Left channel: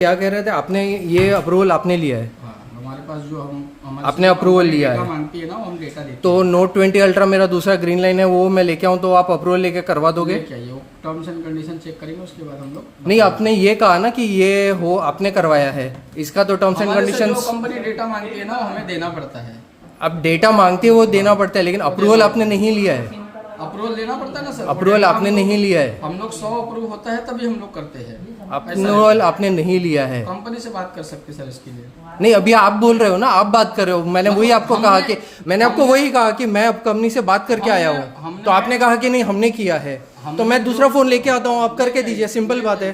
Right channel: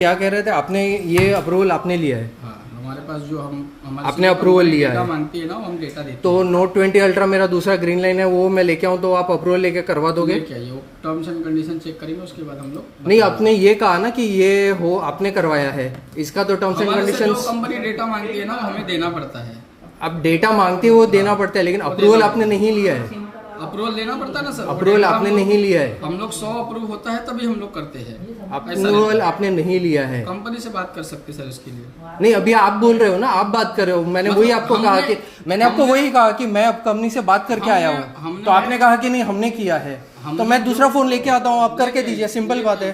क्या कह रहे थे आपने? ये अप्रूवल आपने लिया है? हाँ, हमारे पास जो हमारे आपने अप्रूवल लिया है? मांगती है ना, हम डेटा देते तो नोट 20 अल्ट्रा मेरा दूसरा ग्रीन लाइन है, वो मैं लेके आऊँ तो आप अप्रूवल लेके करवा दोगे? क्या ये टर्म्स एंड कंडीशन चेक करेंगे, उसके बाद हम लोग नहीं, आपने ये कहा ना कि ये हो आपने करवाया है, इसका तो terms and condition. Company data मांगती है ना, हमें देना पड़ता है। अब डेटा मांगती है वो देना पड़ता है, लेकिन अप्रूवल आपने नहीं लिया है। अप्रूवल लेना पड़ता है ना सर। अप्रूवल आपने नहीं लिया है। हम लोग 100 अप्रूव होता है तभी हम लोग करते हैं। अप्रूवल आपने नहीं लिया है। कंपनी से बात कर सकते सर इसके लिए। नहीं, अभी आप बोल रहे हो ना, आप बात कर रहे हो। मैंने वही आपको कहा कि मैंने आपको वही कहा कि मैं अब कंपनी से बात करके आया हूँ, तो आपने कहा कि नहीं हमने किया है, तो मैं दूसरा फोन लेके आता हूँ, आप करके दीजिए, सिंपल बात है।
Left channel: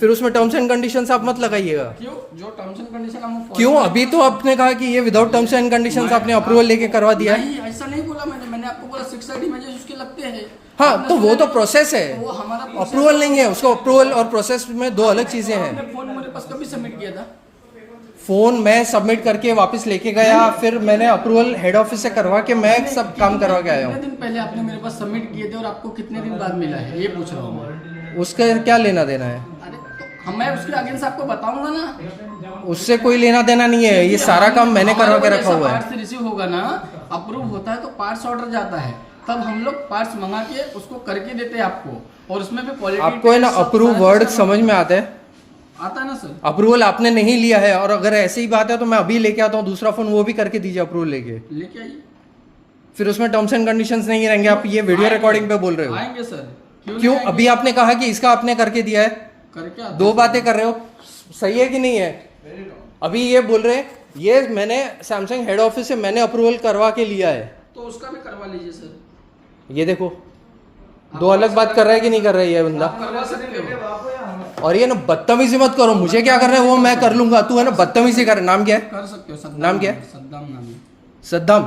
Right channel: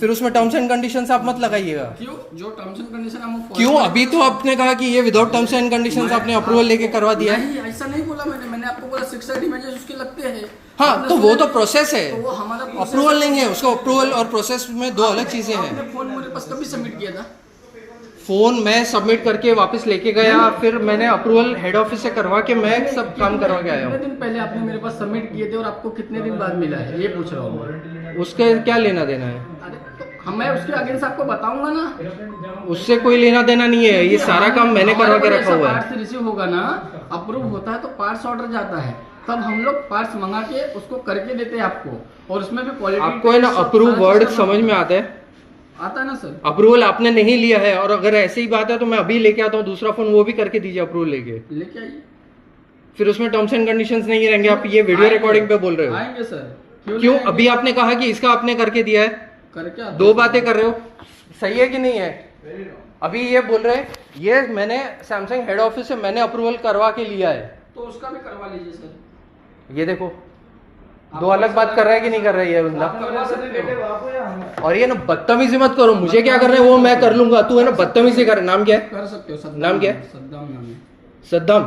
फिर उसमें टर्म्स एंड कंडीशंस आप मत लगाइएगा। क्यों? जो टर्म्स एंड कंडीशन हम क्यों? अभी तो आपने कहा कि ये विदाउट टर्म्स एंड कंडीशंस आपने अप्रूवल लेके करवा दिया है। नहीं, ऐसा नहीं बोला मैंने आपको बोला 6 इमेजेस उसके लगते हैं। हाँ, तो वो तो प्रोसेस है, तो वो हमारा अप्रूवल नहीं है। उसको अप्रूवल और प्रोसेस में दो अलग चीजें हैं। आपने फोन मेरे पास कभी सबमिट किया था? फोन मैं सबमिट करके वापस लेके गया, फिर मैंने अप्रूवल हेड ऑफिस से करवा के मैं सब काम करवा के आया हूँ। कितने दिन पहले आपने मेरे पास सबमिट किए थे और आपको कितने दिन बाद मिला है, ये पूछ रहा हूँ। उसका क्या लेना देना है? अरे तो मैं उसके अगेंस्ट आपको बताऊंगा ना। उससे कोई लेना देना नहीं है, ये सारा काम मैंने करवा के रखा हुआ है। पार्ट्स रिसीव होगा ना, अप्रूव होता है तो पार्ट्स ऑर्डर जाता है, तब हम लोग पार्ट्स मंगा के उसको करके देते हैं आपको, और उसमें भी क्वालिटी। आपको है ना अप्रूव वर्ड समझ में आता है? आता है ना सर। अप्रूवल आपने नहीं लिया है, और अगर ऐसी ही बात है तो मैं अभी लेके आता हूँ दूसरा फोन, वो भी करके दीजिए अप्रूवल लेके आइए। फिर उसमें टर्म्स एंड कंडीशंस नहीं रहेंगे। आप ये वीडियो रिकॉर्डिंग पे बोल रहे हो। आएंगे सर। क्यों? अभी आपने कहा कि इसका आपने करके दिया है, करके दो बातें कर रहे हो, सही है कि नहीं है? अभी ये बोल रहे ये मैंने सैमसंग हेड ऑफिस से मैंने अप्रूवल करवा के लिया है, तो उसका भी करवा लीजिए सर। ये देखो दो अलग बात कर रहा है कि नहीं कर रहा है ये बंदा। करवा सकते हो। और ये ना बदतमीजी मत करो, मुझे क्या करना है वो मैं कर लूंगा, तू है ना बदतमीजी कर। नाम क्या है? कर सकते हो। नाम क्या है? सद्दाम नाम है। सद्दाम।